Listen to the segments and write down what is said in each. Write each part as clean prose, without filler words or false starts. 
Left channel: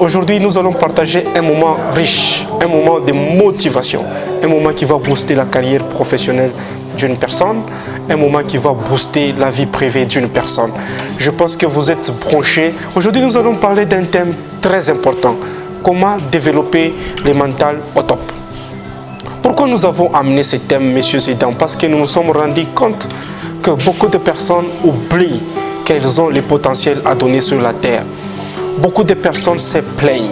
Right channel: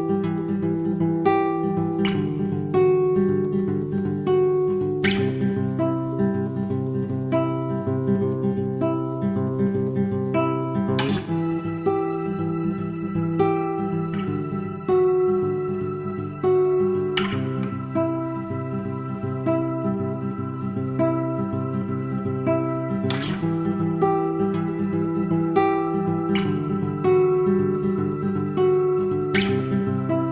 aujourd'hui, nous allons partager un moment riche, un moment de motivation, un moment qui va booster la carrière professionnelle d'une personne, un moment qui va booster la vie privée d'une personne. Je pense que vous êtes branchés. Aujourd'hui, nous allons parler d'un thème très important. Comment développer le mental au top. Pourquoi nous avons amené ce thème, messieurs et dames? Parce que nous nous sommes rendus compte que beaucoup de personnes oublient qu'elles ont le potentiel à donner sur la terre. Beaucoup de personnes se plaignent.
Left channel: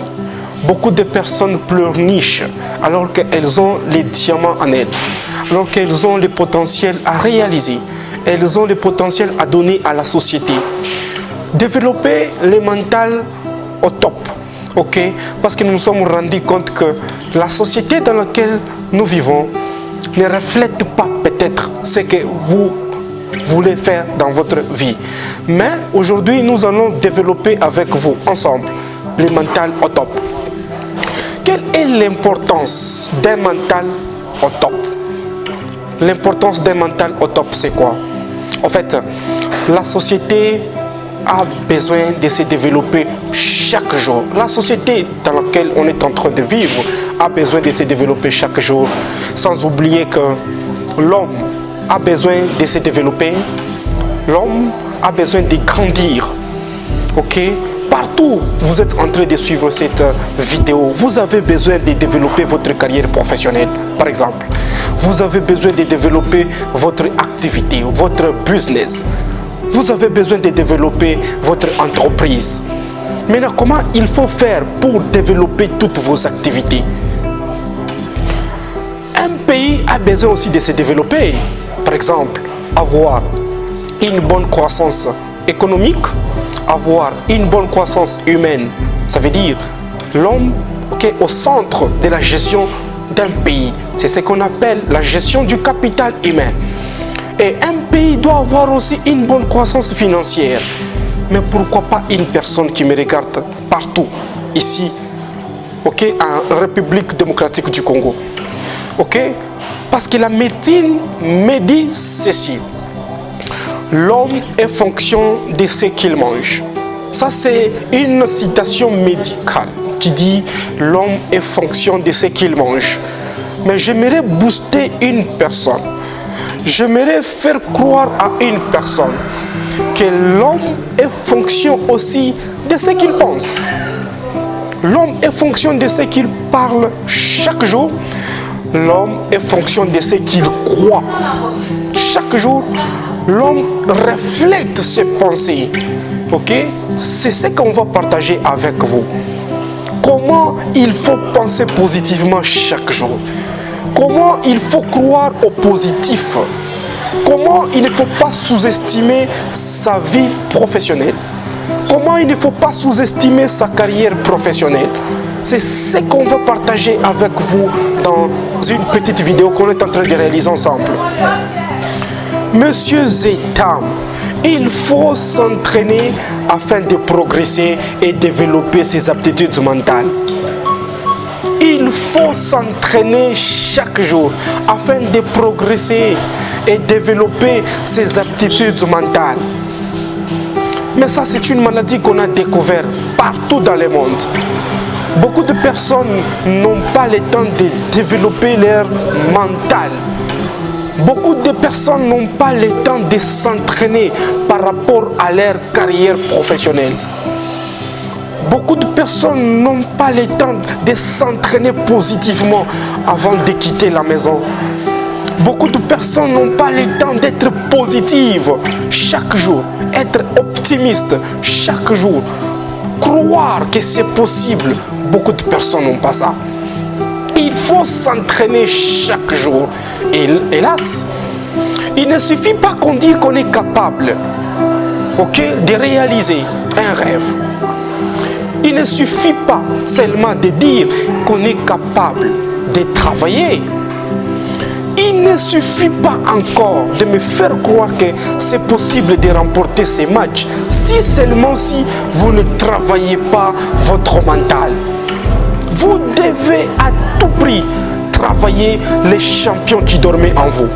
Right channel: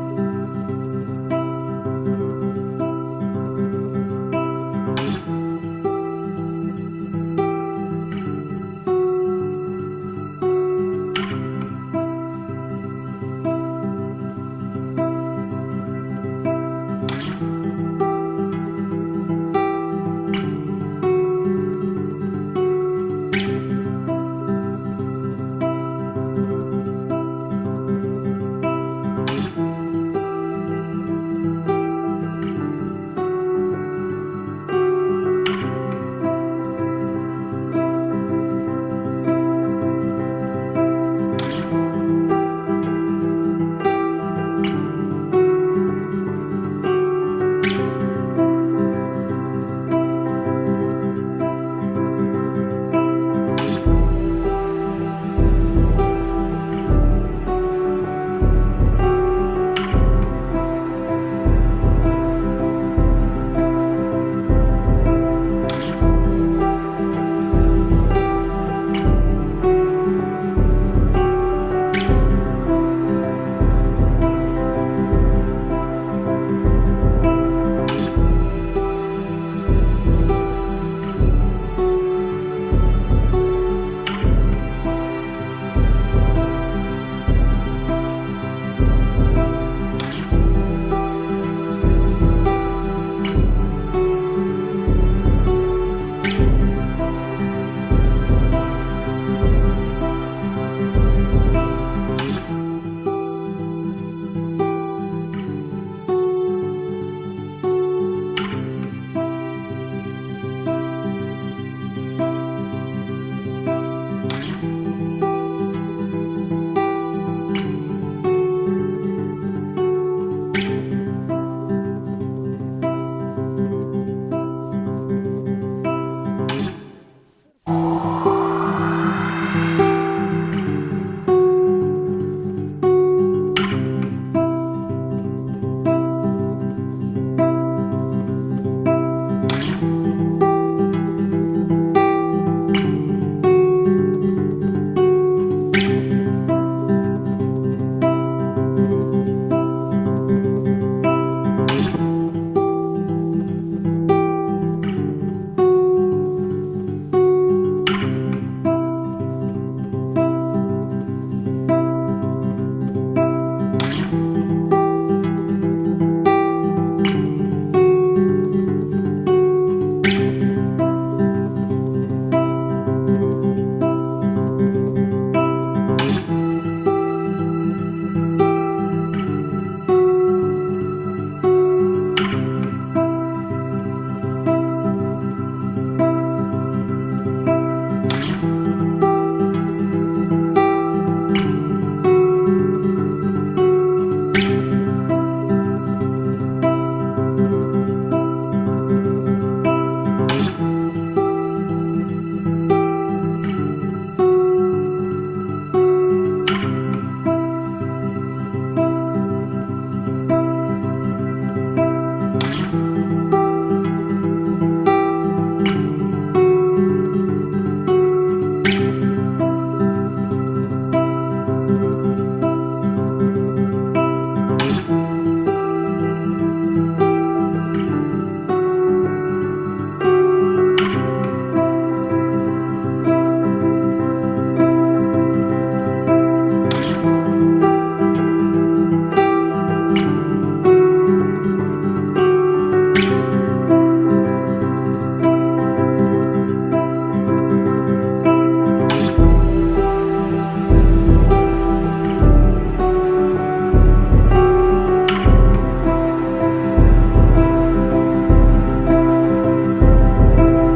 Beaucoup de personnes pleurnichent alors qu'elles ont les diamants en elles. Alors qu'elles ont le potentiel à réaliser. Elles ont le potentiel à donner à la société. Développer le mental au top. Ok? Parce que nous nous sommes rendus compte que la société dans laquelle nous vivons ne reflète pas peut-être ce que vous voulez faire dans votre vie. Mais aujourd'hui, nous allons développer avec vous, ensemble, le mental au top. Quelle est l'importance d'un mental au top? L'importance d'un mental au top, c'est quoi? En fait, la société a besoin de se développer chaque jour. La société dans laquelle on est en train de vivre a besoin de se développer chaque jour. Sans oublier que l'homme a besoin de se développer. L'homme a besoin de grandir. Ok? Partout où vous êtes en train de suivre cette vidéo, vous avez besoin de développer votre carrière professionnelle, par exemple. Vous avez besoin de développer votre activité, votre business. Vous avez besoin de développer votre entreprise. Maintenant, comment il faut faire pour développer toutes vos activités? Un pays a besoin aussi de se développer. Par exemple, avoir une bonne croissance économique, avoir une bonne croissance humaine. Ça veut dire l'homme qui est au centre de la gestion d'un pays. C'est ce qu'on appelle la gestion du capital humain. Et un pays doit avoir aussi une bonne croissance financière. Mais pourquoi pas une personne qui me regarde partout, ici, ok, en République démocratique du Congo? Ok? Parce que la médecine me dit ceci. L'homme est fonction de ce qu'il mange. Ça, c'est une citation médicale qui dit l'homme est fonction de ce qu'il mange. Mais j'aimerais booster une personne. J'aimerais faire croire à une personne que l'homme est fonction aussi de ce qu'il pense. L'homme est fonction de ce qu'il parle chaque jour. L'homme est fonction de ce qu'il croit chaque jour. L'homme reflète ses pensées. Ok? C'est ce qu'on va partager avec vous. Comment il faut penser positivement chaque jour. Comment il faut croire au positif. Comment il ne faut pas sous-estimer sa vie professionnelle. Comment il ne faut pas sous-estimer sa carrière professionnelle. C'est ce qu'on va partager avec vous dans une petite vidéo qu'on est en train de réaliser ensemble. Messieurs et dames, il faut s'entraîner afin de progresser et développer ses aptitudes mentales. Il faut s'entraîner chaque jour afin de progresser et développer ses aptitudes mentales. Mais ça, c'est une maladie qu'on a découverte partout dans le monde. Beaucoup de personnes n'ont pas le temps de développer leur mental. Beaucoup de personnes n'ont pas le temps de s'entraîner par rapport à leur carrière professionnelle. Beaucoup de personnes n'ont pas le temps de s'entraîner positivement avant de quitter la maison. Beaucoup de personnes n'ont pas le temps d'être positives chaque jour, être optimiste chaque jour, croire que c'est possible. Beaucoup de personnes n'ont pas ça. Il faut s'entraîner chaque jour. Et hélas, il ne suffit pas qu'on dise qu'on est capable, ok, de réaliser un rêve. Il ne suffit pas seulement de dire qu'on est capable de travailler. Il ne suffit pas encore de me faire croire que c'est possible de remporter ces matchs si seulement si vous ne travaillez pas votre mental. Vous devez à tout prix travailler les champions qui dormaient en vous.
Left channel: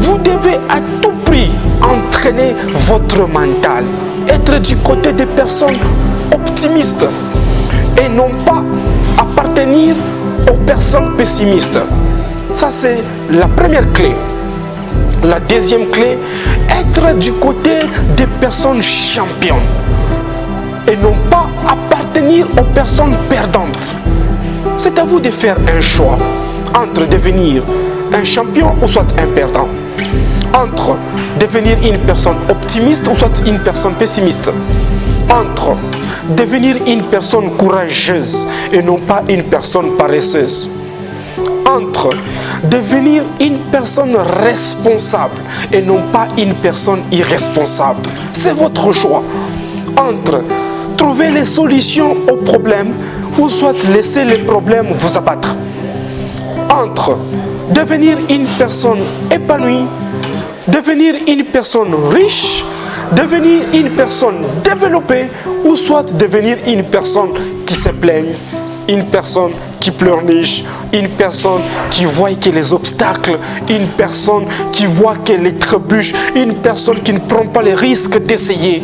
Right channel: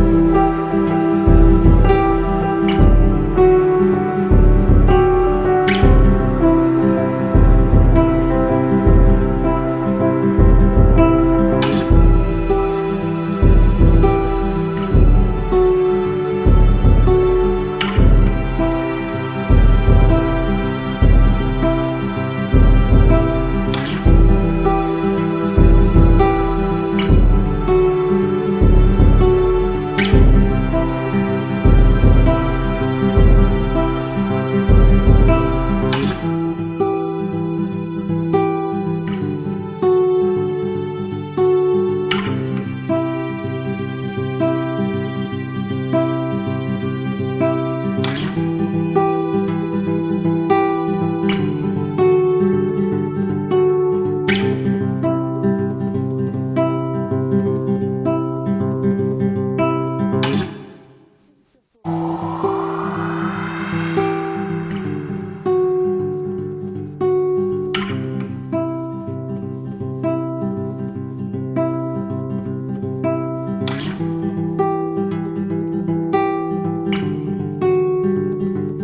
Vous devez à tout prix entraîner votre mental, être du côté des personnes optimistes, et non pas appartenir aux personnes pessimistes. Ça, c'est la première clé. La deuxième clé, être du côté des personnes champions et non pas appartenir aux personnes perdantes. C'est à vous de faire un choix entre devenir un champion ou soit un perdant, entre devenir une personne optimiste ou soit une personne pessimiste, entre devenir une personne courageuse et non pas une personne paresseuse, entre devenir une personne responsable et non pas une personne irresponsable. C'est votre choix. Entre trouver les solutions aux problèmes ou soit laisser les problèmes vous abattre. Entre devenir une personne épanouie, devenir une personne riche, devenir une personne développée ou soit devenir une personne qui se plaigne, une personne qui pleurniche, une personne qui voit que les obstacles, une personne qui voit que les trébuches, une personne qui ne prend pas les risques d'essayer.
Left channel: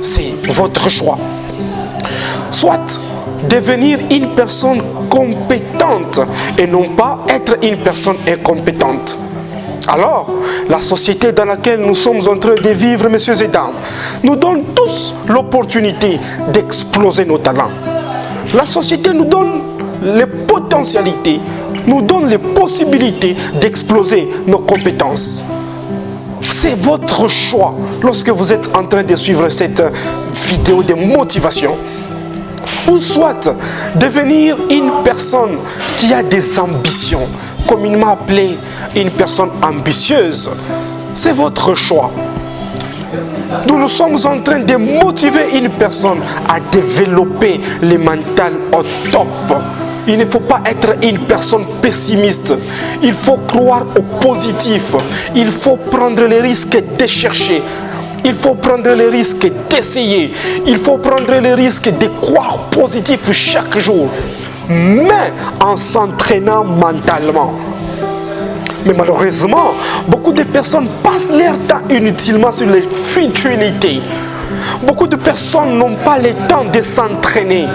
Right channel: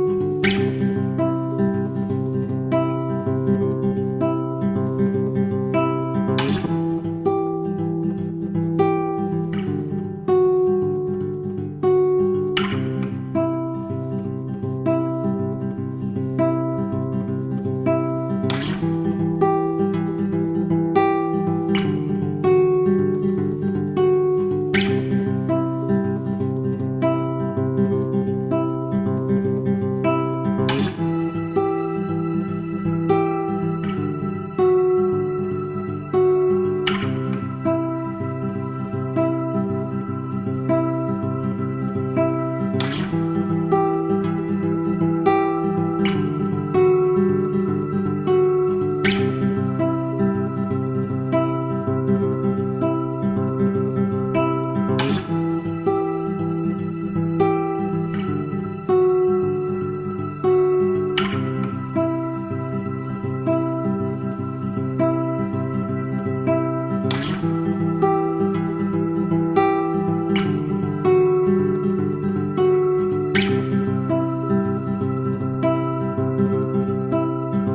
C'est votre choix. Soit devenir une personne compétente et non pas être une personne incompétente. Alors, la société dans laquelle nous sommes en train de vivre, messieurs et dames, nous donne tous l'opportunité d'exploser nos talents. La société nous donne les potentialités, nous donne les possibilités d'exploser nos compétences. C'est votre choix lorsque vous êtes en train de suivre cette vidéo de motivation. Ou soit devenir une personne qui a des ambitions, comme il m'a appelé une personne ambitieuse. C'est votre choix. Nous sommes en train de motiver une personne à développer le mental au top. Il ne faut pas être une personne pessimiste. Il faut croire au positif. Il faut prendre les risques de chercher. Il faut prendre les risques d'essayer. Il faut prendre les risques de croire positif chaque jour. Mais en s'entraînant mentalement. Mais malheureusement, beaucoup de personnes passent leur temps inutilement sur les futilités. Beaucoup de personnes n'ont pas le temps de s'entraîner.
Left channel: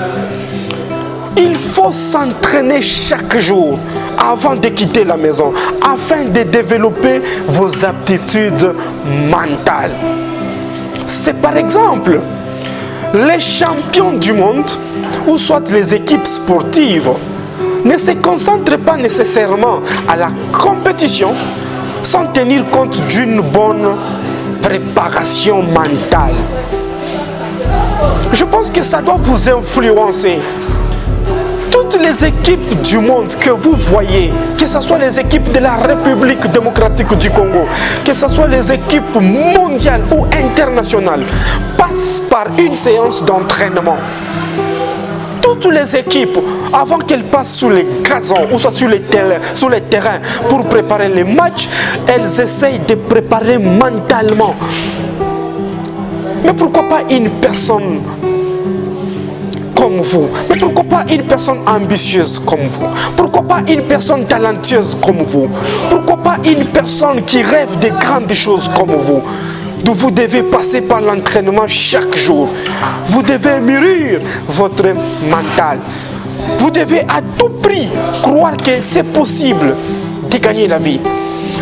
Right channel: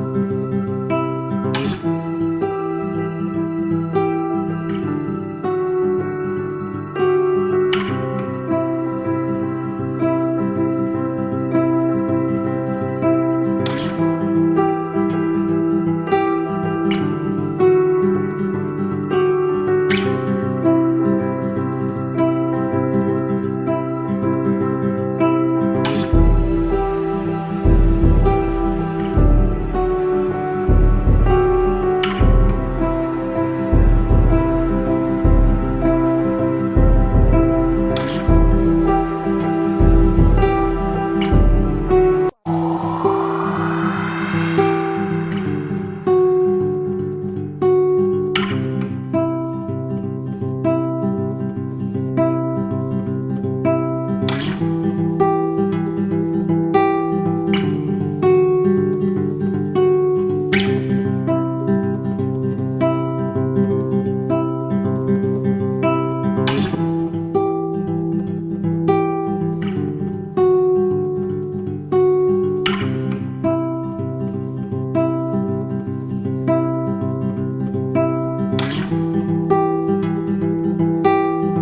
Il faut s'entraîner chaque jour avant de quitter la maison, afin de développer vos aptitudes mentales. C'est par exemple les champions du monde, ou soit les équipes sportives, ne se concentrent pas nécessairement à la compétition sans tenir compte d'une bonne préparation mentale. Je pense que ça doit vous influencer. Toutes les équipes du monde que vous voyez, que ce soit les équipes de la République démocratique du Congo, que ce soit les équipes mondiales ou internationales, passent par une séance d'entraînement. Toutes les équipes, avant qu'elles passent sur les gazons ou soit sur les terrains pour préparer les matchs, elles essayent de préparer mentalement. Mais pourquoi pas une personne comme vous? Mais pourquoi pas une personne ambitieuse comme vous? Pourquoi pas une personne talentueuse comme vous? Pourquoi pas une personne qui rêve de grandes choses comme vous? Vous devez passer par l'entraînement chaque jour. Vous devez mûrir votre mental. Vous devez à tout prix croire que c'est possible de gagner la vie.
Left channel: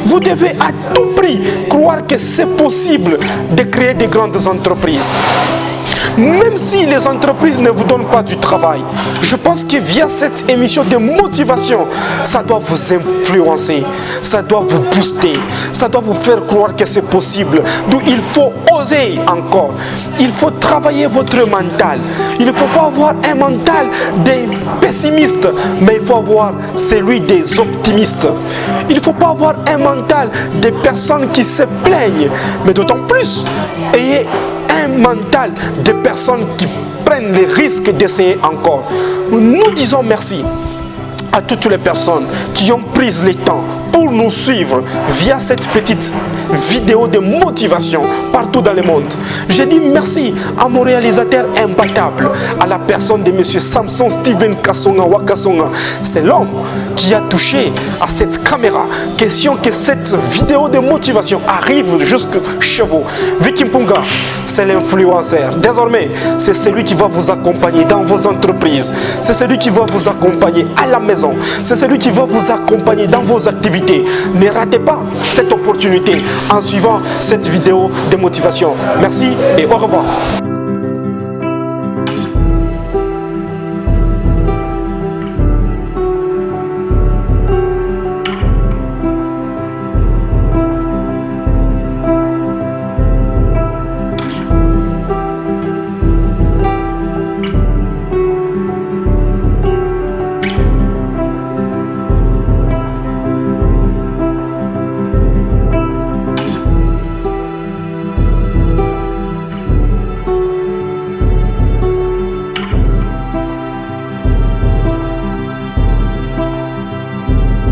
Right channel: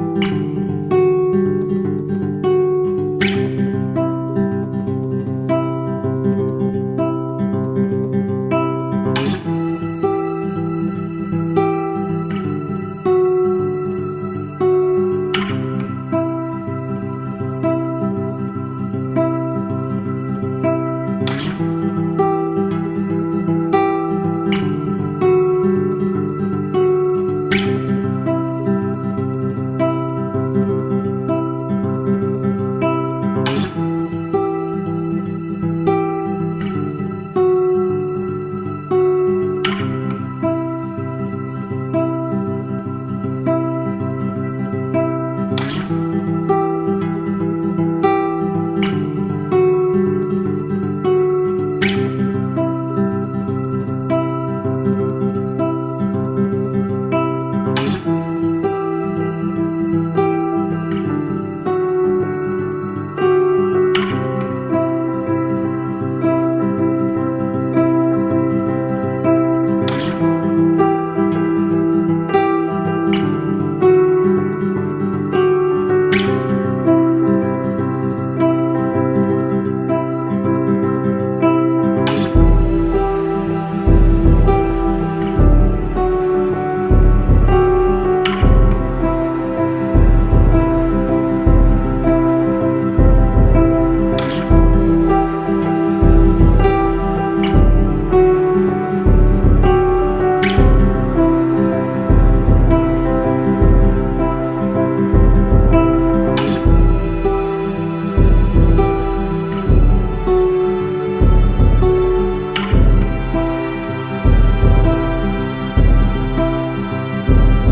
Vous devez à tout prix croire que c'est possible de créer de grandes entreprises. Même si les entreprises ne vous donnent pas du travail, je pense que via cette émission de motivation, ça doit vous influencer, ça doit vous booster, ça doit vous faire croire que c'est possible. Donc il faut oser encore, il faut travailler votre mental. Il ne faut pas avoir un mental des pessimistes, mais il faut avoir celui des optimistes. Il ne faut pas avoir un mental des personnes qui se plaignent, mais d'autant plus, ayez un mental de personnes qui prennent les risques d'essayer encore. Nous disons merci à toutes les personnes qui ont pris le temps pour nous suivre via cette petite vidéo de motivation partout dans le monde. Je dis merci à mon réalisateur imbattable, à la personne de M. Samson Steven Kasonga Wakasonga. C'est l'homme qui a touché à cette caméra. Question que cette vidéo de motivation arrive jusque chez vous. Vicky Mpunga, c'est l'influenceur. Désormais, c'est celui qui va vous accompagner dans vos entreprises. C'est celui qui va vous accompagner à la maison. C'est celui qui va vous accompagner dans vos activités. Ne ratez pas cette opportunité en suivant cette vidéo de motivation. Merci et au revoir.